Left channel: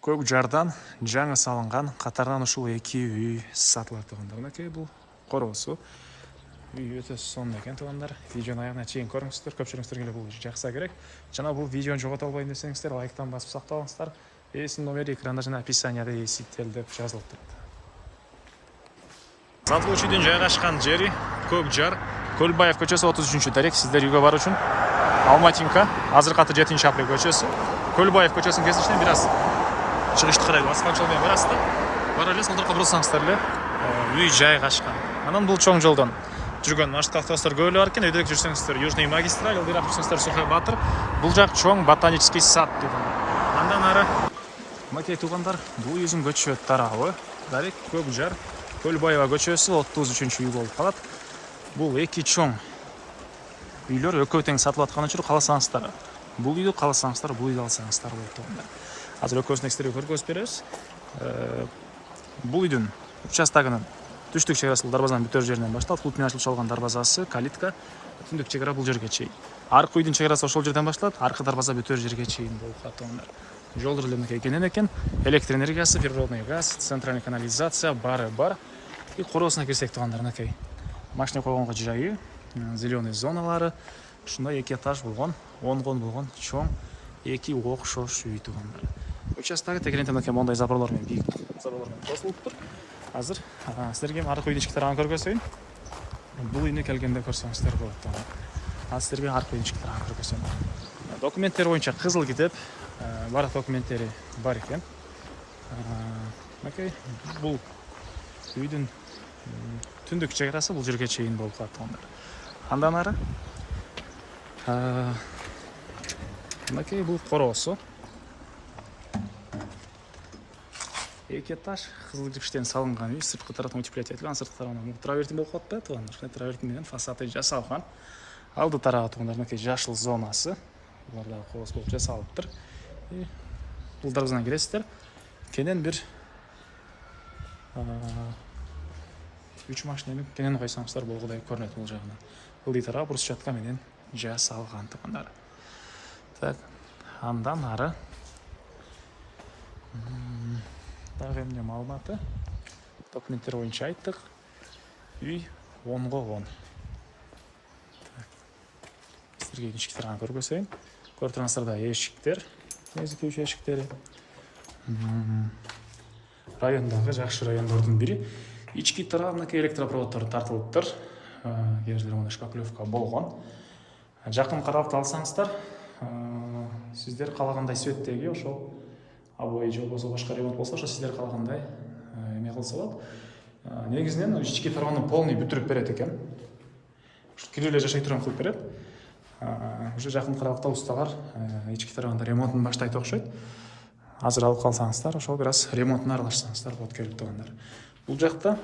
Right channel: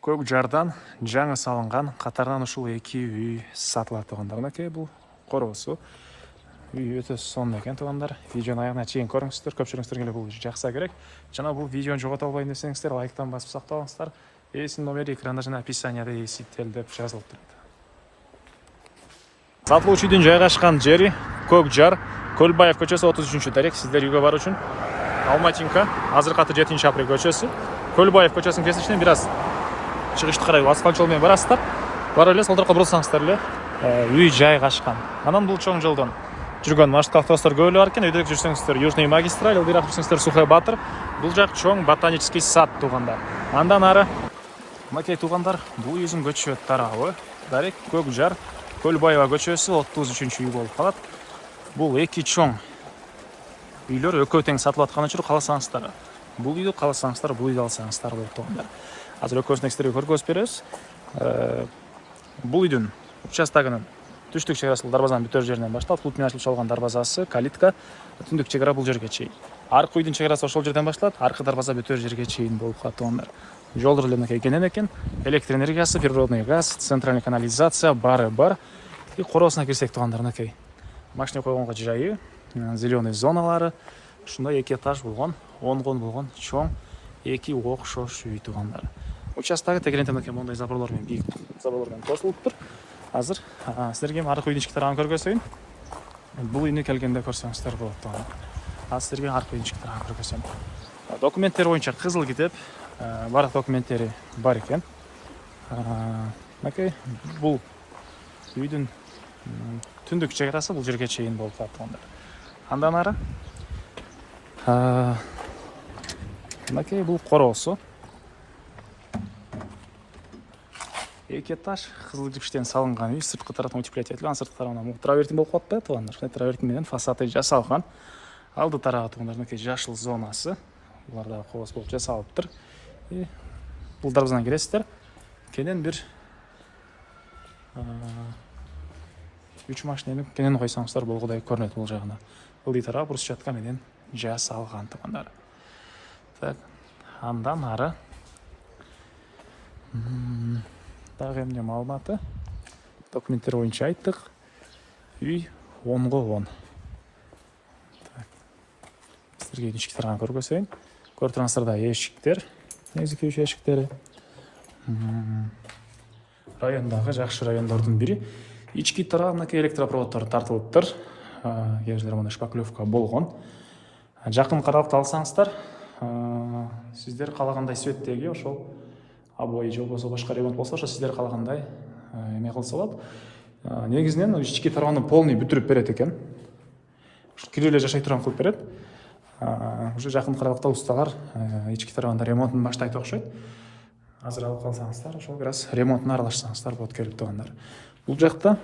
Көк жардан жаңы салынған қатарынан ушул эки үй сатылат туугандар. Мынакей бул короосу. Үй өтө сонун экен туугандар. Видеону аягына чейин көрүңүздөр. Көпчүлүгүңүздөр эле бул жакса керек. Жана бул видеону жогото албайм десеңиздер, лайктан басып сактабаңыздар. Эсинин номери экранда жана описанияда эситтел деп жазылып турат. Сатылуучу үйдүн жайгашкан жери Көк жар, Көлбаев көчөсү 33 дарек. Сиздер үйгө баруу үчүн Алматинка, азыркы аты 7-апрель көчөсү. Көлбаев көчөсүнүн кесиничинен бир аз чыгышты карай баскан жол менен барасыздар. Барып эле сол тарапка бурсаңыздар эле үй жайгашкан. Анан бул чоң жолдон жүргөн маршруттук автобустар көп эле бар экен. Өйдө жүрсөңүздөр Южный магистраль, ылдыйраак жүрсөңүздөр Сухой Батыр. Бул жак чоң ботанический сад туугандар. Андан ары мынакей туугандар, бул үйдүн көчө тарабы дарек Көк жар, Көлбаева көчөсү 33 үй болуп калат. Бул эки чоң үйлөр экөө тең сатылып аткан үчүн кааласаңыздар бул үйдү, кааласаңыздар бул үйдү алсаңыздар болот туугандар. Азыр экөөсүн экстерге көргөзүп беребиз. Бул үйдүн участогунун түштүк чек арасы дарбазанын бүтөр жеринен башталат. Култ менен ачылып чалган дарбазасы, калитка, түндүк чек ара бул жерге чейин. Аркы үйдүн чек арасы ошол жерден башталат, аркы дарбаза бүтөр жерге чейин болуп калат туугандар. Жолдор эле мынакей кенен экен. Электр энергиясы, природный газ, центральный канализация бары бар. И короосуна кирсек туугандар, мынакей машина койгонго жайы, зеленый зоналары, ушундай эки этаж болгон, онгон болгон чоң эки окшош үй туугандар. Участогу тегеренте мынакей мондай заборлор менен бийик заборлордон тосулуптур. Азыр силерге аркы үйдүн ички тарабын көргөзөйүн. Бул үйүнө келгенде көрсөңүздөр болот туугандар. Азыр силерге аркы үйдүн ички тарабын көргөзөм. Документтер боюнча кызыл китеп, баардык документтери бар экен. Мынакей бул үйдүн түндүк чек арасы бул жерге чейин болуп калат туугандар. Андан ары мынакей бул короосу. Эки этаж кызыл кирпичтен салынган үй, сырткы тарапы утеплять этилген, сырткы тарабынан травертин болуп калат да туугандар. Ушундай травертин менен фасады жасалган. Алды тарабы туугандар мынакей жашыл зонасы. Булар да кооз болуп жасалыптыр. Бул дарбазадан киресиздер. Кенен бир 3 машинени кенен койсоңуздар болгодай көрүнөт бул жагына. Ылдый тарабы брусчатка менен жасалган туугандар. Так, андан ары дагы эмне маалыматы? Документтер боюнча айттык. Үй 10го 10. Так. Силерге ички тарабын көргөзөйүн. Көрүп турсаңыздар да эшиктер, негизги үй эшиктери. Райондагы жакшы райондордун бири. Ички тарабына электропроводдор тартылыптыр. Кээ бирде мына шпаклевка болгон. Жакын карап алсаңыздар, сиздер каалагандай светтеги ошол обои же болбосо башка ремонт болсо, ошо сиздер каалагандай эме кылса болот. Негизинен ички тарабын полный бүтүрүп берет экен. Кирип эле жашай турган кылып берет. Уже жакын автобустагар ички тарабында ремонтун баштайт окшойт. Азыр алып калсаңыздар, ошол бир аз ремонтуна аралашсаңыздар болот келип туугандар. Бул жакта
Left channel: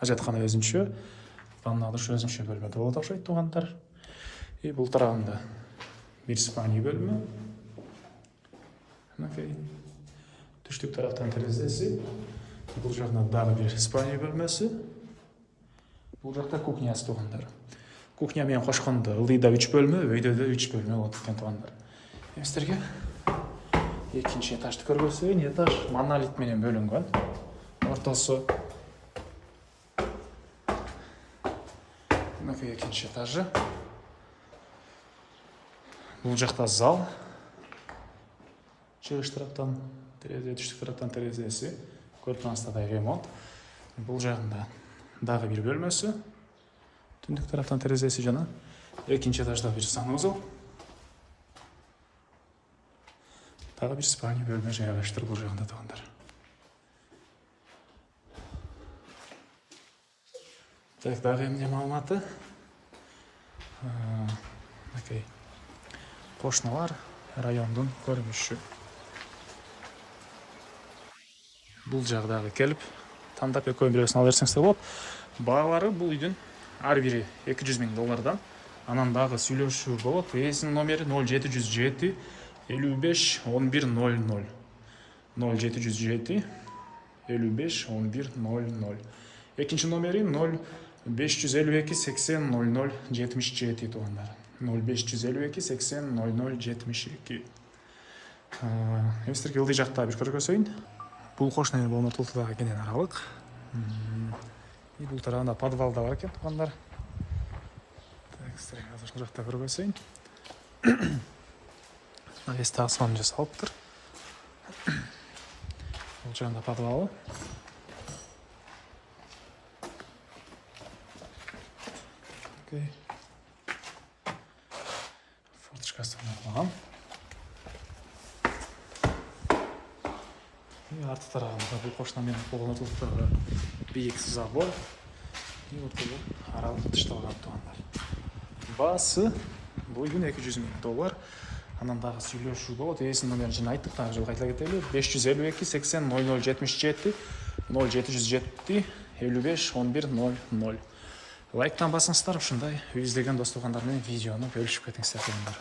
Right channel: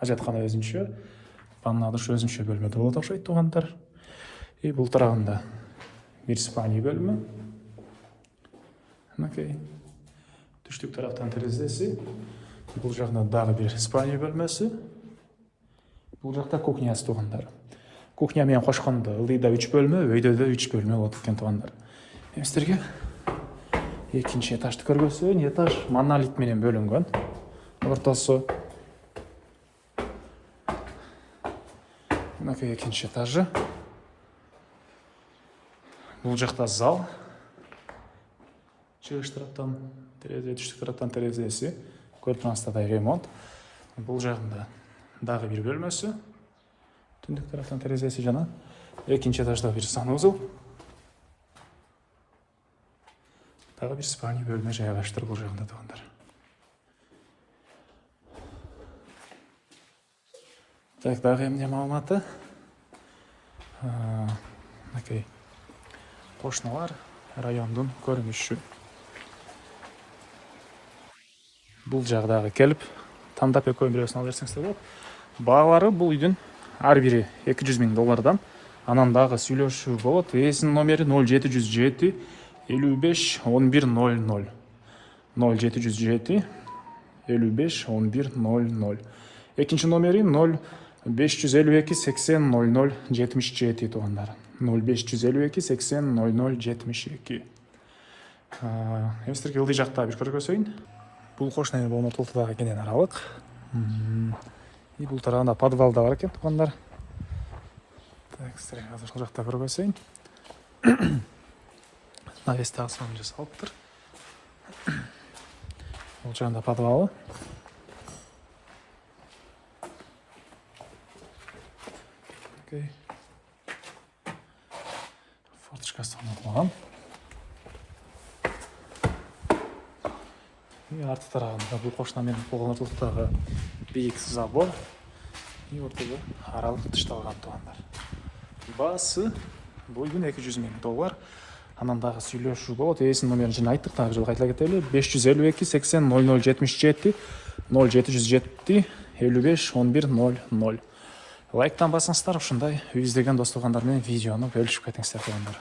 ажаткана өзүнчө, ванна душ өзүнчө бөлмөдө болот окшойт туугандар. И бул тарабында бир спальня бөлмө. Мынакей түштүк тараптан терезеси. Бул жакта дагы бир спальня бөлмөсү. Бул жакта кухнясы туугандар. Кухня менен кошкондо ылдыйда 3 бөлмө, өйдө да 3 бөлмө болот экен туугандар. Сиздерге экинчи этажды көргөзөйүн. Этаж монолит менен бөлүнгөн. Ортосу мынакей экинчи этажы. Бул жакта зал. Чыгыш тараптан терезе, түштүк тараптан терезеси. Көрүп турсаңыздар ремонт. Бул жагында дагы бир бөлмөсү. Түндүк тараптан терезеси жана экинчи этажда бир санузел. Дагы бир спальня бөлмө жайгаштыр бул жагында туугандар. Так, дагы эмне маалыматы? Мынакей кошуналар, райондун көрүнүшү. Бул жагдагы келип, тандап экөөнүн бирөөсүн ала берсеңиздер болот. Баалары бул үйдүн ар бири $200,000. Анан дагы сүйлөшүү болот. Эсинин номери 0707 55 11 00. 0707 55 11 00. Экинчи номери 0552 80 00 77 туугандар. 0552 80 00 72. Эми сиздерге ылдый жакта бир көрсөтөйүн. Бул кошуна болгон ортолуктагы кенен аралык. Бул тарабында подвал да бар экен, туугандар. Так, сиздерге азыр ошол жакта көрсөтөйүн. Навесте асман жасалыптыр. Бул жагында подвалы. Окей. Форточкасы орнотулган. И арты тарабында бул кошуна менен болгон ортолуктагы бийик забор. И ортодо аралык тышталган, туугандар. Баасы бул күн $200,000. Анан дагы сүйлөшүү болот. Эсин номерин жана айттык, дагы жолу кайтала кетели. 552 80 0077 0707 55 11 00. Лайктан басыңыздар, ушундай издеген достугандар менен видеону бөлүшүп кетиңиздер, туугандар.